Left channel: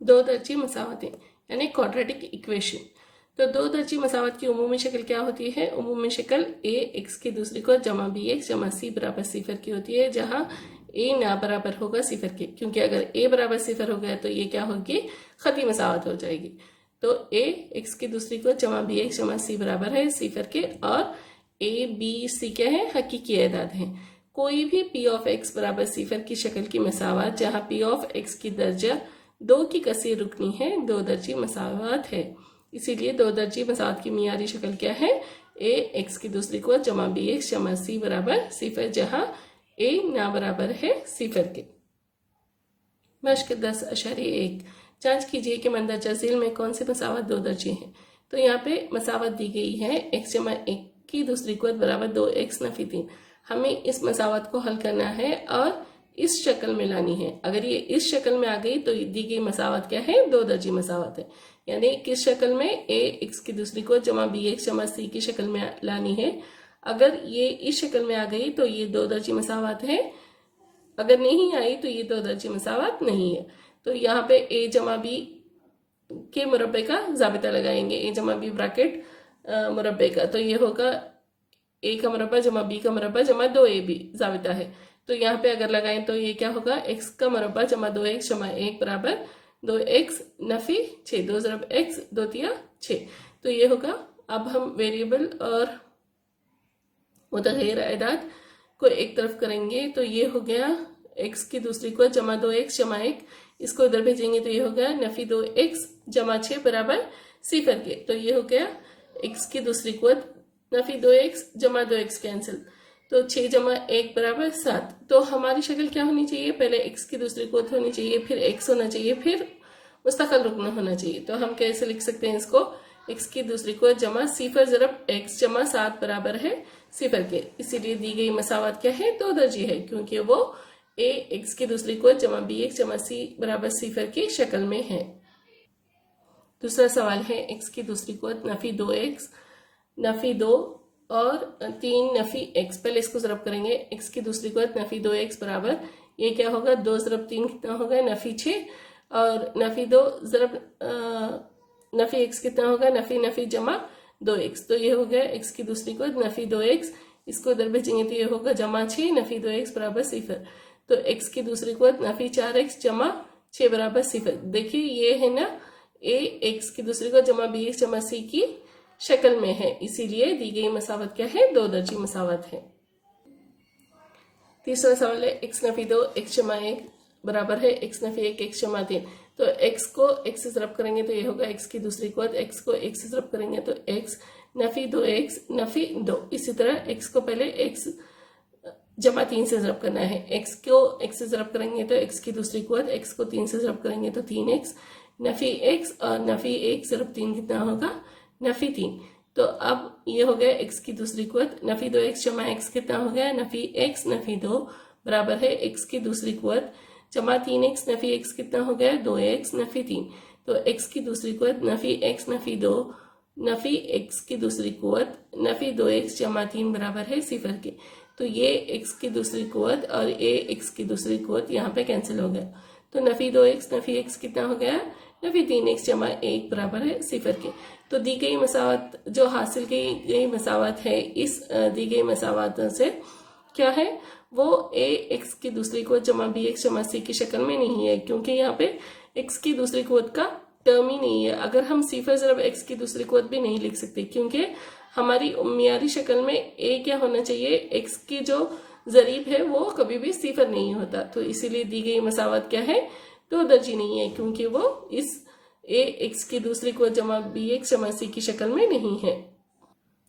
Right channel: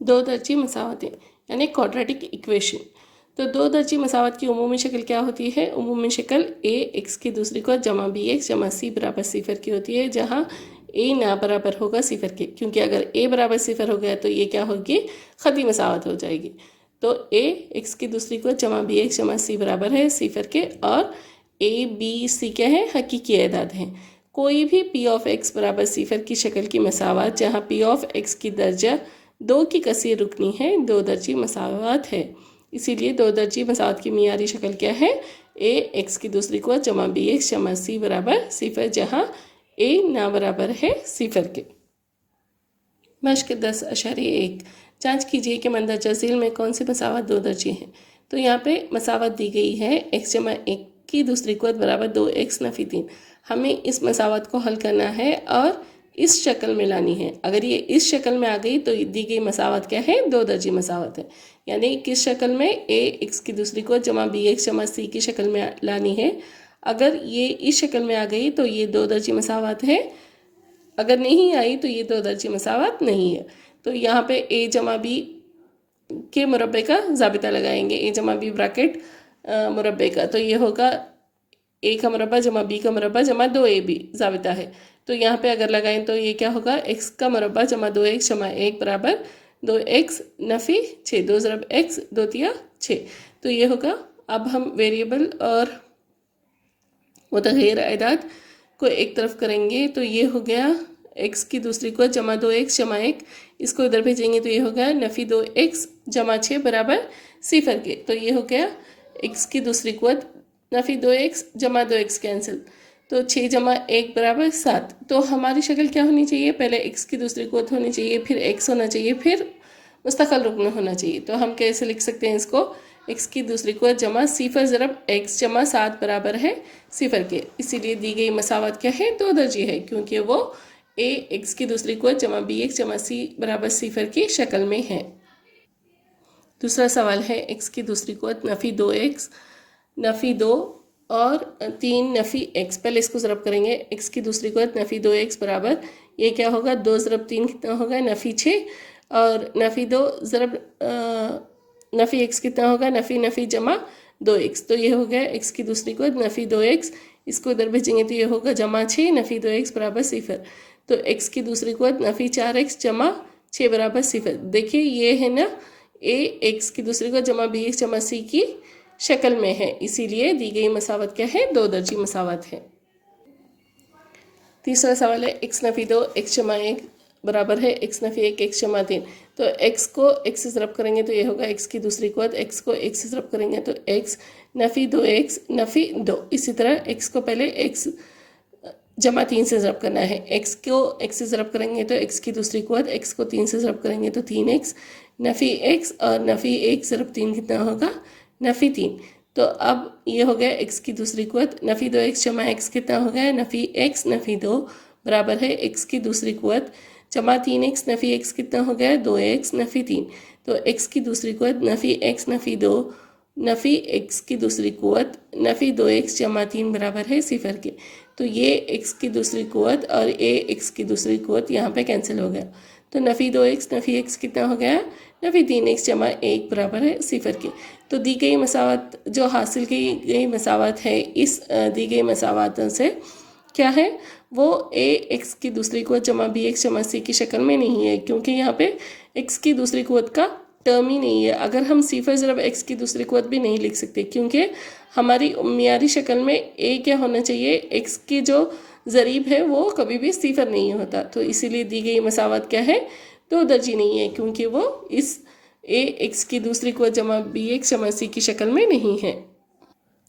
दो दर्जी मसावतें यानी क्वाड्रेटिक इक्वेशन। तो दो दर्जी मसावत की उमूमी शक्ल क्या होती है? उमूमी शक्ल ए एक्स की दूसरी को जमा बी एक्स जमा सी बराबर सिफर की होती है, जहाँ ए ना बराबर होगा सिफर के, क्योंकि अगर ए बराबर सिफर हो गया तो ये क्या होगी? खती मसावत हो जाएगी। तो ए एक्स की दूसरी को जमा बी एक्स जमा सी बराबर है सिफर के, और ए बी सी क्या है? हकीकी एदाद हैं। कोई भी पी ऑफ एक्स बराबर सिफर की शक्ल की मसावत जहाँ पी ऑफ एक्स की दर्जा दो की कसीर रुकनी है, दो दर्जी मसावत है। इसीलिए दो दर्जी मसावत की मियारी शक्ल क्या है? ए एक्स की दूसरी को जमा बी एक्स जमा सी बराबर सिफर, जहाँ ए ना बराबर है सिफर के। मश्क 10.1 जांच कीजिए कि मंदरजा झील में कौन सी मसावत दो दर्जी है। तो यहाँ पे मसावत दी गई है एक्स जमा एक की दूसरी कुव्वत बराबर 2x नफी 3। हमें इस मसावत को हल करना है और इस शक्ल में लानी है। अगर ये इस शक्ल में आ गई तो दी गई मसावत क्या है? दो दर्जी मसावत है। यानी किस शक्ल में? ए एक्स की दूसरी को जमा बी एक्स जमा सी की शक्ल में लानी है। अगर ये इस शक्ल में आ गई तो ये दो दर्जी मसावत है, अगर नहीं आई तो ये दो दर्जी मसावत नहीं है। तो यहाँ पे ए जमा बी के मुरब्बे का जाबिता लगाएंगे, ए जमा बी ब्रैकेट मुरब्बे का। तो ये होगा ए का मुरब्बा जमा बी का मुरब्बा जमा दो ए बी जाबिता है। तो यहाँ पे अगर लगाएं तो ये क्या होगा? एक्स का मुरब्बा जमा दो एक्स जमा एक बराबर दो एक्स नफ़ी 6, दो ज़रब एक्स दो तिया 6। तो ये होगा। अब हम वेरिएबल और मुतग़य्यर एदाद को एक तरफ करेंगे तो ये हो गया एक्स की दूसरी को जमा दो एक्स जमा एक, इसको इधर भेजेंगे तो ये हो गया नफ़ी दो एक्स जमा 6 बराबर सिफर के। तो ये हो गया एक्स की दूसरी कुव्वत नफ़ी दो एक्स जमा दो एक्स कैंसिल, तो 6 जमा 1 बराबर 7। तो हमारी शक्ल क्या होनी चाहिए? पहले एक्स की दूसरी कुव्वत होनी चाहिए, फिर एक्स होना चाहिए, फिर मुस्तकिल रुकन होना चाहिए। तो हम कैसे लिख सकते हैं इसको? एक्स की दूसरी को जमा सिफर ज़रब एक्स जमा 7 बराबर है सिफर के। इसीलिए दी गई मसावत क्या है? दो दर्जी है, क्योंकि वो ए एक्स की दूसरी को जमा बी एक्स जमा सी बराबर सिफर की शक्ल में है। दूसरा सवाल है एक्स की दूसरी को नफ़ी दो एक्स नफ़ी दो और 3 नफ़ी एक्स। पहले इसको ज़रब करेंगे। एक्स की दूसरी को नफ़ी दो एक्स बराबर ये क्या होगा? 2 ज़रब 3 कितना होगा? नफ़ी 6, और नफ़ी दो ज़रब नफ़ी एक्स कितना होगा? नफ़ी नफ़ी जमा दो एक्स। तो ये हो गया एक्स की दूसरी को नफ़ी दो एक्स, इसको इधर भेजेंगे तो ये होगा जमा 6 नफ़ी दो एक्स बराबर सिफर। तो एक्स की दूसरी को नफ़ी 4 एक्स जमा 6 बराबर सिफर। देखिए ये है ना, ए एक्स की दूसरी को जमा बी एक्स जमा सी की शक्ल में है, इसीलिए दी गई मसावत क्या है? दो दर्जी मसावत है। तीसरा सवाल है एक्स नफ़ी दो एक्स जमा एक बराबर है एक्स नफ़ी एक एक्स जमा 3। तो एक्स को एक्स से ज़रब करेंगे तो ये होगा एक्स की दूसरी कुव्वत, एक्स को एक्स से ज़रब करेंगे तो एक्स नफ़ी दो एक्स नफ़ी दो। इसी तरह एक्स को पहले एक्स जमा 3 से ज़रब करना है। एक्स को एक्स से ज़रब करेंगे तो एक्स की दूसरी कुव्वत, एक्स को 3 से ज़रब करेंगे तो 3x नफ़ी एक्स, और नफ़ी 1 ज़रब 3 कितना होगा? नफ़ी 3। तो अब ये हो गया एक्स की दूसरी कुव्वत नफ़ी दो एक्स जमा एक्स कितना हो गया? नफ़ी एक्स नफ़ी दो बराबर है एक्स की दूसरी कुव्वत जमा 3x नफ़ी एक्स कितना हो गया? 2x नफ़ी 3। तो एक्स की दूसरी कुव्वत नफ़ी एक्स नफ़ी दो नफ़ी एक्स की दूसरी कुव्वत नफ़ी दो एक्स जमा 3 बराबर है सिफर के। तो ये एक्स की दूसरी कुव्वत और ए एक्स की दूसरी कुव्वत यहाँ पे कैंसिल हो गया। तो नफ़ी दो एक्स नफ़ी एक्स कितना हो गया? नफ़ी 3x जमा 1 बराबर है सिफर के। तो दी गई मसावत जो हासिल की गई मसावत है, इस दी गई मसावत से क्या है? वो ए एक्स की दूसरी कुव्वत जमा बी एक्स जमा सी की शक्ल में नहीं है, क्योंकि यहाँ पे एक्स की दूसरी कुव्वत का टर्म ही नहीं है। अगर हम सिफर ज़रब एक्स की दूसरी कुव्वत भी नहीं लिख सकते, क्योंकि हमारी मियारी शक्ल में ए क्या होना चाहिए? एक्स की जो ज़रीब है वो कभी भी सिफर नहीं होता। तो इसीलिए दी गई मसावत क्या है? दो दर्जी नहीं है, क्योंकि वो इस ए एक्स की दूसरी कुव्वत जमा बी एक्स जमा सी की शक्ल में नहीं है।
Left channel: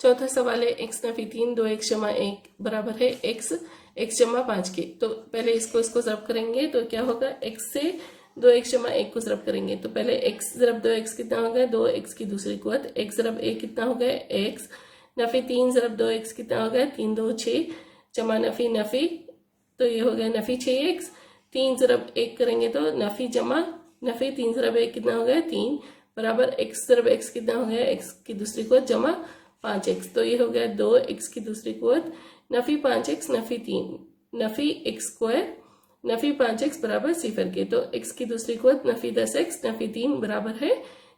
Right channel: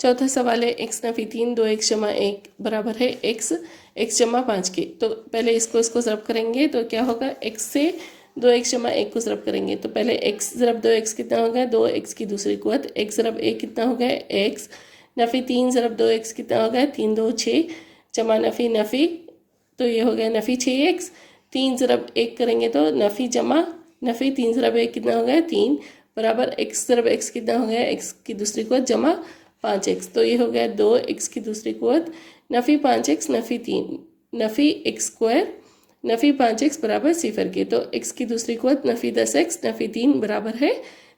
चौथा सवाल है एक्स नफ़ी 3 दो एक्स जमा 1 बराबर है एक्स जमा 5 के। तो पहले इसको ज़रब करेंगे तो क्या होगा? एक्स से दो एक्स जमा 1 को ज़रब करेंगे तो पहले एक्स ज़रब दो एक्स कितना हो गया? दो एक्स की दूसरी कुव्वत एक्स ज़रब 1 कितना हो गया? एक्स नफ़ी 3 ज़रब दो एक्स कितना हो गया? 3 2 6 जमा नफ़ी नफ़ी, तो ये हो गया नफ़ी 6x। 3 ज़रब 1 करेंगे तो नफ़ी जमा नफ़ी 3 ज़रब 1 कितना हो गया? 3 बराबर एक्स ज़रब एक्स कितना हो गया? एक्स की दूसरी कुव्वत जमा 5x। तो ये हो गया 2x की दूसरी कुव्वत नफ़ी 5x नफ़ी 3 नफ़ी एक्स स्क्वायर नफ़ी 5x बराबर सिफर के। तो x की दूसरी कुव्वत नफ़ी 10x नफ़ी 3 बराबर है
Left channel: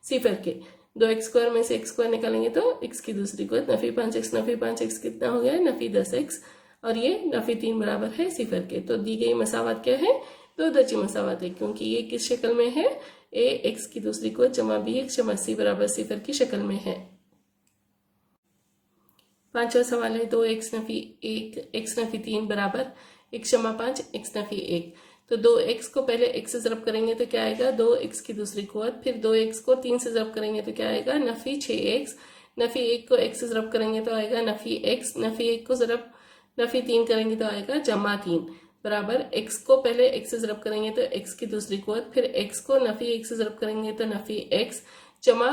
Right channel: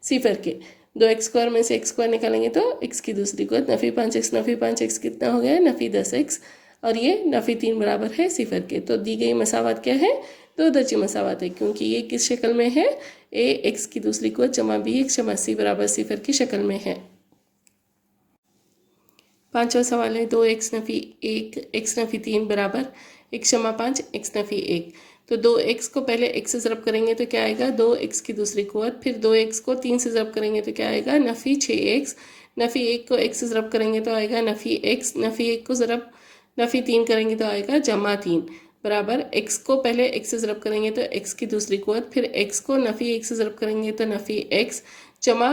सिफर के। 2x² में से x² निकालेंगे तो x की दूसरी कुव्वत नफ़ी 5x कितना हो गया, नफ़ी 10x, और ये नफ़ी 3 बराबर है सिफर के। तो दी गई मसावत क्या है, दो दर्जी मसावत है, क्योंकि ये किस शक्ल में है, a x की दूसरी कुव्वत जमा bx जमा c बराबर सिफर की शक्ल में है। पांचवा सवाल है 2x नफ़ी 1 x नफ़ी 3 बराबर x जमा 5 x नफ़ी 1। तो 2x को पहले x से ज़रब करेंगे तो क्या आएगा, 2x की दूसरी कुव्वत, फिर 2x को 3 से ज़रब करेंगे तो क्या आएगा, नफ़ी 6x, नफ़ी 1 को x से ज़रब करेंगे तो आएगा नफ़ी x, नफ़ी 1 को ज़रब नफ़ी 3 करेंगे तो आएगा जमा 3 बराबर x को पहले x से ज़रब करेंगे तो x की दूसरी कुव्वत, फिर x को नफ़ी 1 से ज़रब करेंगे तो नफ़ी x, जमा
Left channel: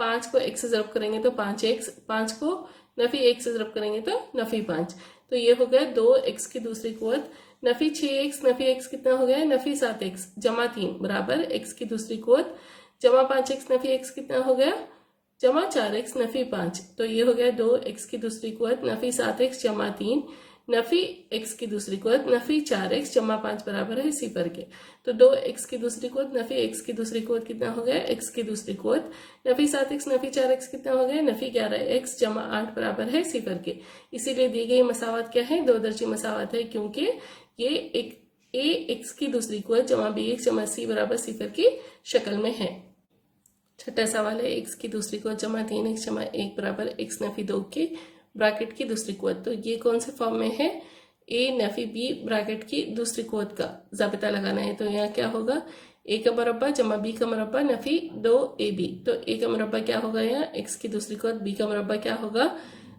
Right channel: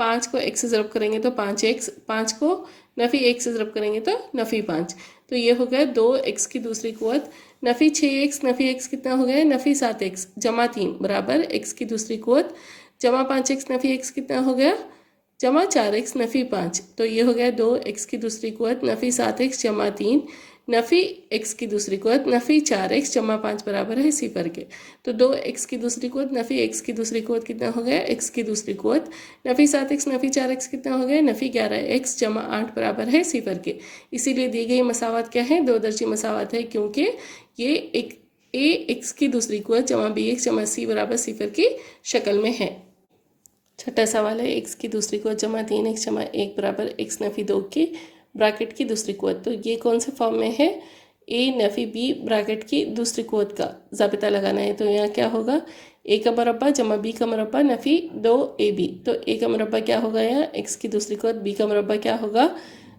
5 को x से ज़रब करेंगे तो 5x, 5 को नफ़ी 1 से ज़रब करेंगे तो नफ़ी 5। तो ये हो गया 2x की दूसरी कुव्वत, नफ़ी 6x, नफ़ी x कितना हो गया, नफ़ी 7x जमा 3 बराबर x की दूसरी कुव्वत, जमा 5x नफ़ी x कितना हो गया, जमा 4x नफ़ी 5। तो ये हो गया 2x की दूसरी कुव्वत नफ़ी 7x जमा 3 नफ़ी x की दूसरी कुव्वत नफ़ी 4x जमा 5 बराबर है सिफर के। तो 2x की दूसरी कुव्वत नफ़ी x की दूसरी कुव्वत कितना हो गया, x की दूसरी कुव्वत नफ़ी 7x नफ़ी 4x कितना हो गया, नफ़ी 11x जमा 8 बराबर है सिफर के। इसीलिए दी गई मसावत क्या है, दो दर्जी मसावत है, क्योंकि ये एक a x की दूसरी कुव्वत जमा bx जमा c बराबर सिफर की शक्ल में है। छठा सवाल है x की दूसरी कुव्वत जमा 3x जमा 1 बराबर x नफ़ी 2 की ब्रैकेट की दूसरी कुव्वत। तो ये कौन से फॉर्म में है, a नफ़ी b ब्रैकेट की दूसरी कुव्वत का ज़ाबिता लगाना है। तो यहाँ क्या होगा, a का मरबा जमा b का मरबा नफ़ी 2ab। तो a का मरबा क्या होगा, यहाँ x की दूसरी कुव्वत, b का मरबा क्या होगा,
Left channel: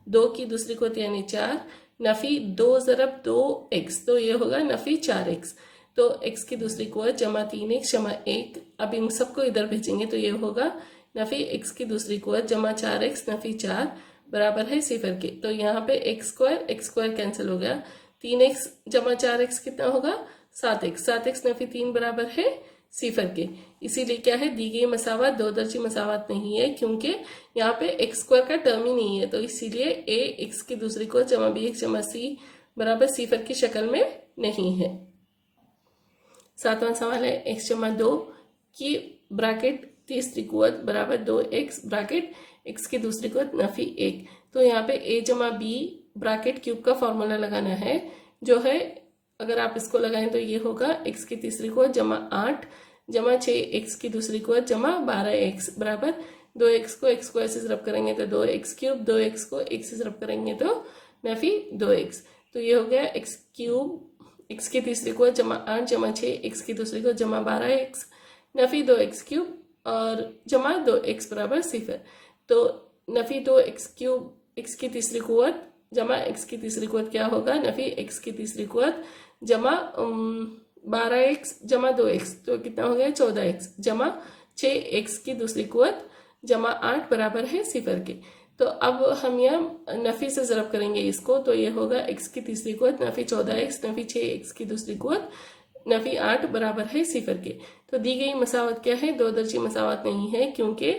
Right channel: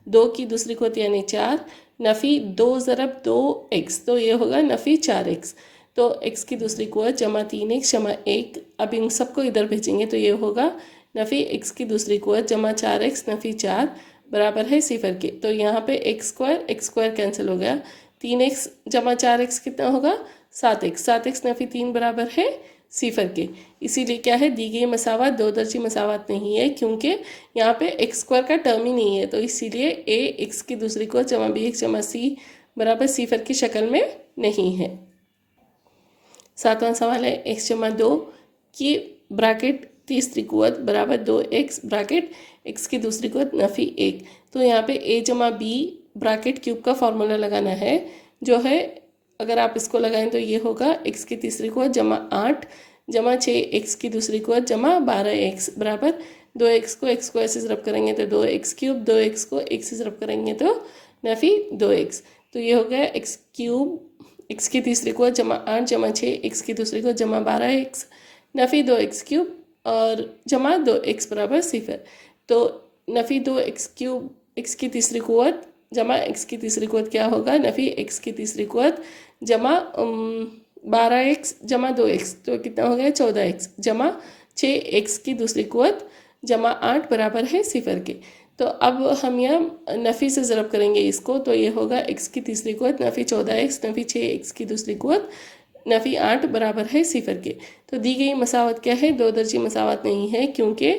2 की दूसरी कुव्वत यानी 4 नफ़ी 2 ज़रब 2x, तो ये होगा नफ़ी 4x। तो x की दूसरी कुव्वत जमा 3x जमा 1, अब इन सबको इधर भेजेंगे तो ये होगा नफ़ी x की दूसरी कुव्वत जमा 4x नफ़ी 4 बराबर है सिफर के। तो यहाँ पे x स्क्वायर कैंसिल हो गया, 3x जमा 4x कितना होगा, 7x, 7x नफ़ी 3 बराबर है सिफर के। इसीलिए क्या है, दी गई मसावत दो दर्जी मसावत नहीं है, क्योंकि यहाँ पे x स्क्वायर का टर्म ही नहीं है। तो इसीलिए a x की दूसरी कुव्वत जमा bx जमा c बराबर सिफर की शक्ल में नहीं है। सातवां सवाल है x जमा 2 की ब्रैकेट तीसरी कुव्वत बराबर 2x ब्रैकेट x की दूसरी कुव्वत नफ़ी 1। तो यहाँ पे a जमा b ब्रैकेट क्यूब का फॉर्मूला लगाना है, जो है अगर आप इसको लगाएं तो ये होगा x की तीसरी कुव्वत जमा 8 जमा 6x की दूसरी कुव्वत जमा 12x बराबर 2x को x स्क्वायर से ज़रब करेंगे तो 2x क्यूब, 2x को x से ज़रब करेंगे तो नफ़ी 2x। तो ये हो गया x क्यूब x की तीसरी कुव्वत जमा 8 जमा 6x की दूसरी कुव्वत जमा 12x नफ़ी 2x क्यूब और जमा 2x बराबर सिफर। तो नफ़ी 2x क्यूब x की तीसरी कुव्वत जमा x की तीसरी कुव्वत क्या होगा, नफ़ी x की तीसरी कुव्वत जमा 12x जमा 2x, तो कितना हो गया 14x जमा 6x की दूसरी कुव्वत जमा 8 बराबर है सिफर के। तो अब हम यहाँ नफ़ी से ज़रब करेंगे इसको, तो ये होगा x की तीसरी कुव्वत नफ़ी 14x नफ़ी 6x की दूसरी कुव्वत नफ़ी 8 बराबर है सिफर के। तो दी गई मसावत क्या है, दो दर्जी मसावत नहीं है, क्योंकि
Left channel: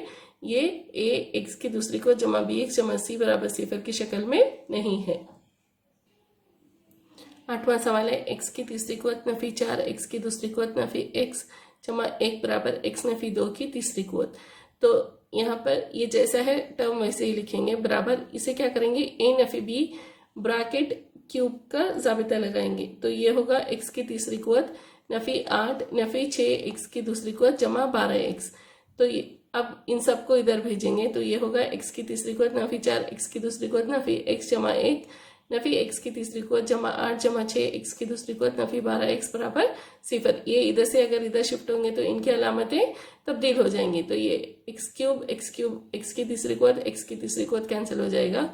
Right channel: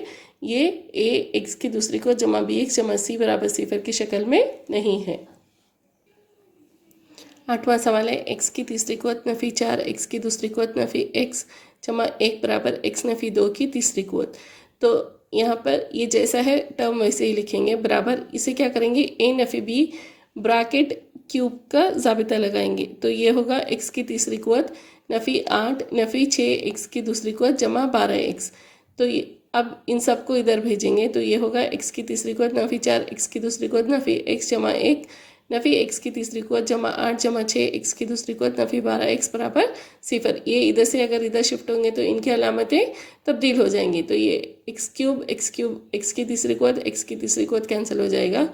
ये a x की दूसरी कुव्वत जमा bx जमा c बराबर सिफर की शक्ल में नहीं है। आठवां सवाल है x की तीसरी कुव्वत नफ़ी 4 x की दूसरी कुव्वत नफ़ी x जमा 1 बराबर x नफ़ी 2 की तीसरी कुव्वत। तो यहाँ पर ये जैसा है टर्म वैसे ही लिखेंगे बराबर, इसे क्या करेंगे, a नफ़ी b ब्रैकेट क्यूब का ज़ाबिता लगाएंगे। तो ये होगा x की तीसरी कुव्वत नफ़ी 8 नफ़ी 6x की दूसरी कुव्वत जमा 12x। तो ये अब इन सबको इधर भेजेंगे तो ये होगा x की तीसरी कुव्वत नफ़ी 4 x की दूसरी कुव्वत नफ़ी x जमा 1 नफ़ी x की तीसरी कुव्वत जमा 8 जमा 6x की दूसरी कुव्वत नफ़ी 12x बराबर सिफर। ये इधर से अगर इधर शिफ्ट होंगे तो इनकी अलामतें तब्दील हो जाएंगी। तो ये x क्यूब x की तीसरी कुव्वत x की तीसरी कुव्वत कैंसिल हो जाएगा,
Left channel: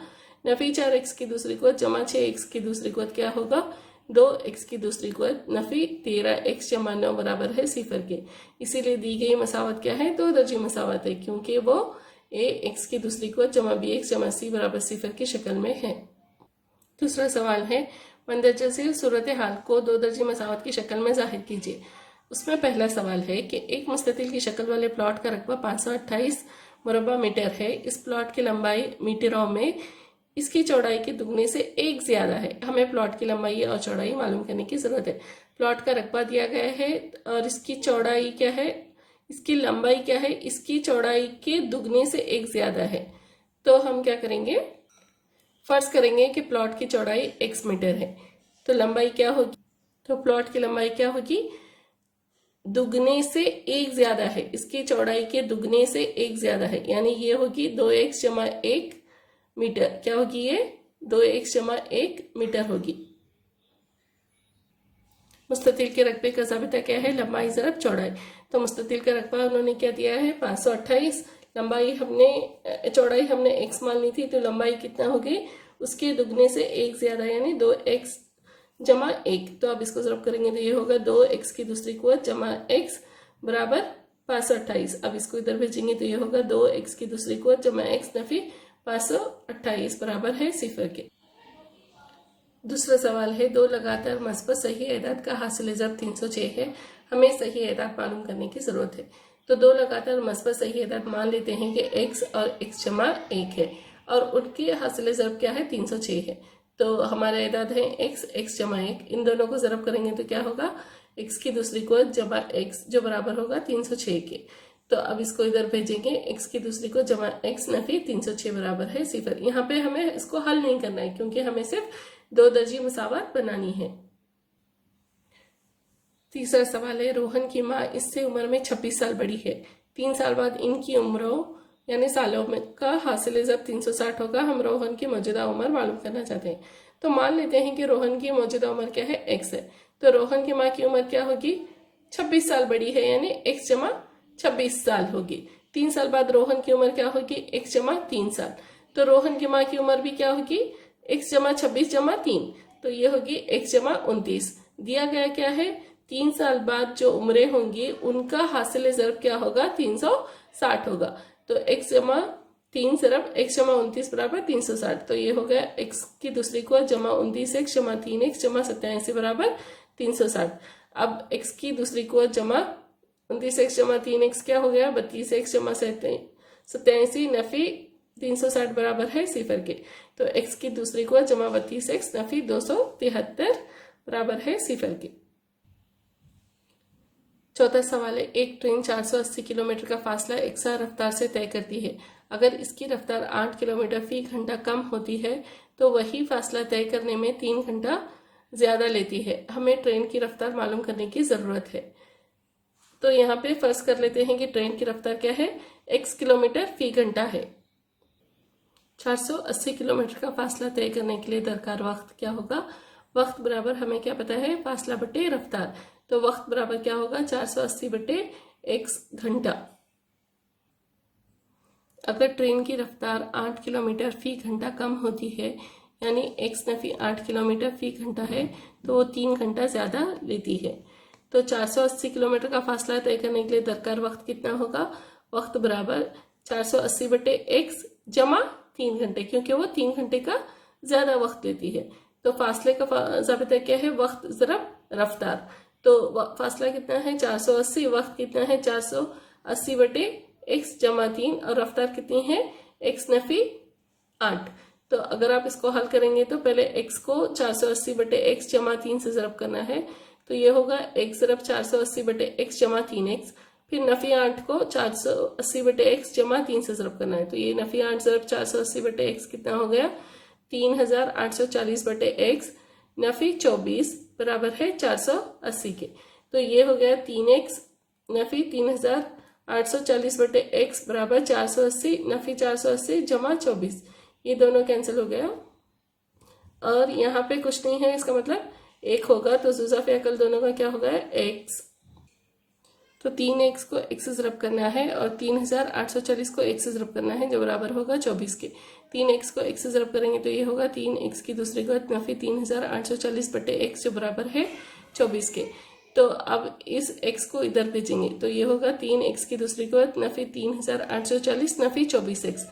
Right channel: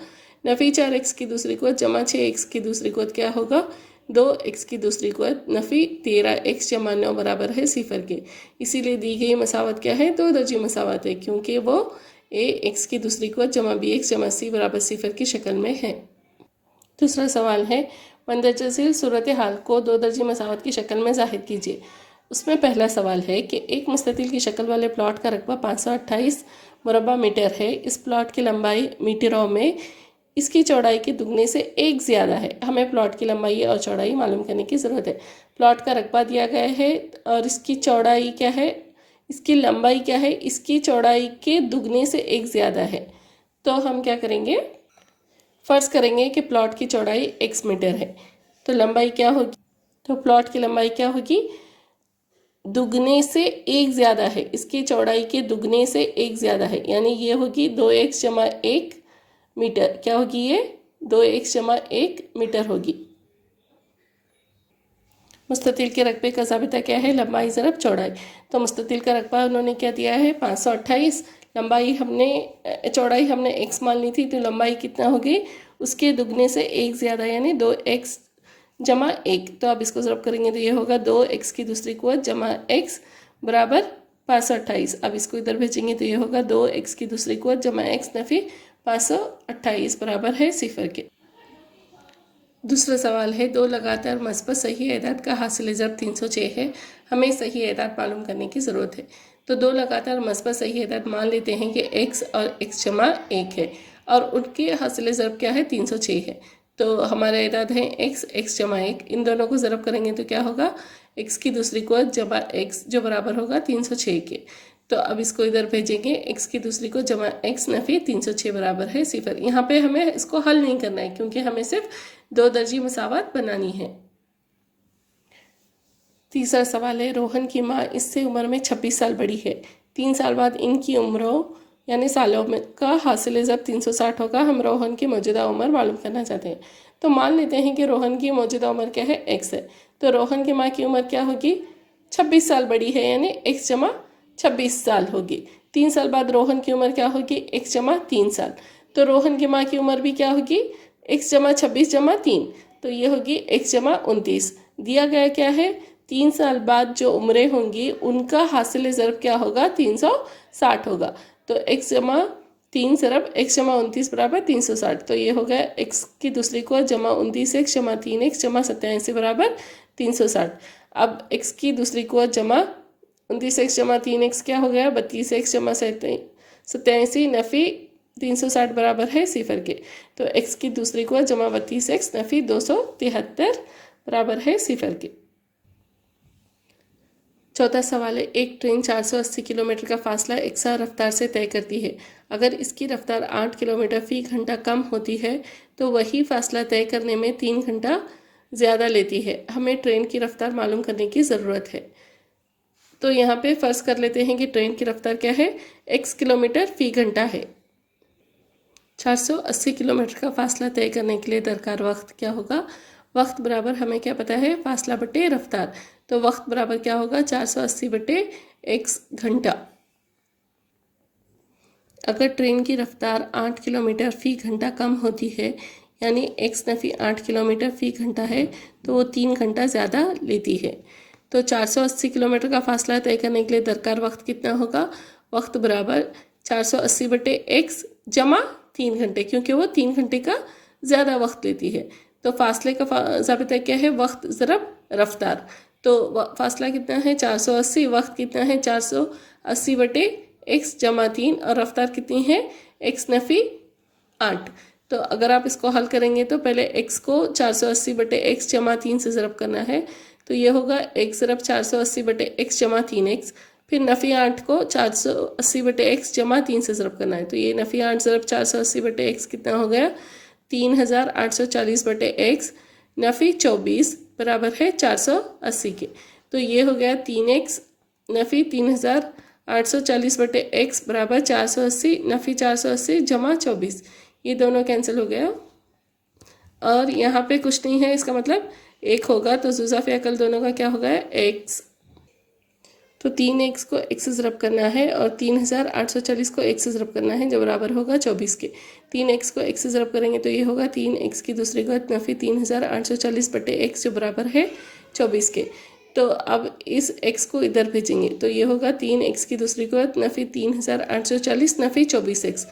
नफ़ी 4x की दूसरी कुव्वत जमा 6x की दूसरी कुव्वत क्या होगा, 2x की दूसरी कुव्वत नफ़ी 13x जमा 9 बराबर है सिफर के। इसीलिए दी गई मसावत क्या है, दो दर्जी मसावत है, क्योंकि वो a x की दूसरी कुव्वत जमा bx जमा c बराबर सिफर की शक्ल में है। दूसरा सवाल है मंदरजा झील सूरत हाल को दो दर्जी मसावत की शक्ल में जाहिर कीजिए। उसमें पहला सवाल है कि एक मुस्ततिल की शक्ल वाले प्लॉट का रकबा 528 मुरबा मीटर है। इस प्लॉट की लंबाई मीटरों में इसकी चौड़ाई के दुगने से एक ज़्यादा है। हमें प्लॉट की लंबाई और चौड़ाई मालूम करने की ज़रूरत है। प्लॉट का रकबा दिया गया है और इसकी चौड़ाई क्या है, इसकी लंबाई क्या है, इसकी चौड़ाई के दुगने से एक ज़्यादा है। तो हम क्या करेंगे, फर्ज करेंगे कि प्लॉट की चौड़ाई x मीटर है, तो लंबाई क्या होगी, तो प्लॉट की लंबाई क्या होगी, दुगने से एक ज़्यादा है, इसकी चौड़ाई के दुगने से एक ज़्यादा है, यानी ये होगी 2x जमा 1 मीटर। क्या होगी ये, 2x जमा 1 मीटर होगी। मुस्ततिल के रकबे का ज़ाबिता क्या है, लंबाई ज़रब चौड़ाई। तो मुस्ततिल का रकबा उन्होंने क्या दिया है, 528। लंबाई हमने, चौड़ाई हमने x मान ली थी, तो लंबाई कितना होगी, उसके दुगने से एक ज़्यादा, यानी 2x जमा 1। तो अब इसको ज़रब करेंगे तो ये होगा 2x की दूसरी कुव्वत जमा x बराबर 528। अब इसको इधर भेजेंगे तो ये होगा 2x की दूसरी कुव्वत जमा x नफ़ी 528 बराबर है 0 के। दूसरा सवाल है, दो लगातार मस्बत सही एदाद का हासिल ज़रब 306 है, हमें सही एदाद मालूम करने की ज़रूरत है। तो दो लगातार मस्बत सही एदाद मान लेते हैं कि x और x जमा 1 है और उनके हासिल ज़रब क्या है, 306 है। तो हमारे एदाद हैं x जमा 1, इन दोनों को ज़रब करेंगे तो क्या होगा, x की दूसरी कुव्वत जमा x जो बराबर होगा 306 के। तो अब इसको इधर भेजेंगे, x की दूसरी को जमा x नफ़ी 306 बराबर है 0। यहाँ पे हमें इसको हल नहीं करना है क्योंकि हमें सिर्फ दो दर्जी मसावत बनानी है। तीसरा सवाल है, रोहन की माँ इससे उम्र में 26 साल बड़ी है, 3 साल बाद इनकी उम्रों यानी सालों में का हासिल ज़रब 360 होगा। हम रोहन की मौजूदा उम्र मालूम करना चाहते हैं। तो मान लेते हैं कि रोहन की मौजूदा उम्र क्या है, x है। तो रोहन की माँ की उम्र क्या होगी, 26 साल बड़ी है, यानी x जमा 26 साल होगी। 3 साल बाद रोहन की उम्र क्या होगी, x जमा 3 साल। तो रोहन की माँ की उम्र भी क्या होगी, x जमा 26 जमा 3, तो ये होगी x जमा 29। दिया गया क्या है, 3 साल बाद जो उम्रें होंगी उनका हासिल ज़रब क्या होगा, 360 होगा। तो x जमा 3 ज़रब x जमा 29 बराबर 360। तो ये हो गया x की दूसरी को जमा 29x जमा 3x जमा 87 बराबर 360। अब x की दूसरी को जमा 29x जमा 3x क्या हो गया, 32x जमा 87 नफ़ी 360 बराबर है 0 के। तो x की दूसरी को जमा 32x नफ़ी 273 बराबर है 0 के। चौथा सवाल है, एक ट्रेन 480 किलोमीटर का फासला एकसा रफ्तार से तय करती है। अगर इसकी रफ्तार 8 किलोमीटर फी घंटा कम होती है तो वही फासला तय करने में 3 घंटा ज़्यादा लेती है। हमें ट्रेन की रफ्तार मालूम करने की ज़रूरत है। तो यहाँ पे फ़र्ज़ कर लेते हैं कि ट्रेन की रफ्तार क्या है, x किलोमीटर फी घंटा है। 480 किलोमीटर का फासला तय करने के लिए दरकार वक्त क्या होगा, वक्त बराबर हमें क्या पता है, फासला बटे रफ्तार। तो वक्त बराबर क्या होगा, 480 बटे x घंटा। अगर ट्रेन की रफ्तार 8 किलोमीटर फ़ी घंटा कम होती है, यानी x नफ़ी 8 किलोमीटर फ़ी घंटा है, तो वो 3 घंटा ज़्यादा लेती है। तो 480 किलोमीटर का फासला तय करने के लिए दरकार वक्त कितना होगा, वक्त बराबर 480 बटे x जमा 3 घंटे, क्योंकि वो 3 घंटे का ज़्यादा वक्त लेती है। तो फासले का ज़ाबिता क्या है, वक्त ज़रब रफ्तार। तो फासला कितना है 480, वक्त कितना है 480 बटे x जमा 3 और रफ्तार कितनी है x नफ़ी 8। तो अगर आप इसको हल करेंगे तो पहले x को 480 बटे x जमा 3 से ज़रब करना है, तो ये होगा x ज़रब 480 बटे x जमा 3x। फिर नफ़ी 8 को 480 बटे x जमा 3 से ज़रब करना है, तो ये नफ़ी 8 ज़रब 480 बटे x कितना हो गया, 3840 बटे x नफ़ी 24 बराबर है 480 के। तो ये हो गया 3x नफ़ी 3840 बटे x बराबर 480 नफ़ी 480 जमा 24, ये दोनों कैंसिल हो गया और यहाँ पे कुछ नहीं है, इसका मतलब 1 होगा। तो जुज़ाफ़ अकल दोनों का क्या होगा, x। तो 3x को x से ज़रब करना है और 3840 को x से ज़रब करना है, जो बराबर होगा 24 के। 3x को x से ज़रब करेंगे तो ये होगा 3x की दूसरी घात नफ़ी 3840 बटे x, जो बराबर है 24 के। तो अब इस x को इधर भेजेंगे तो ये होगा 3x की दूसरी घात नफ़ी 3840 नफ़ी 24x।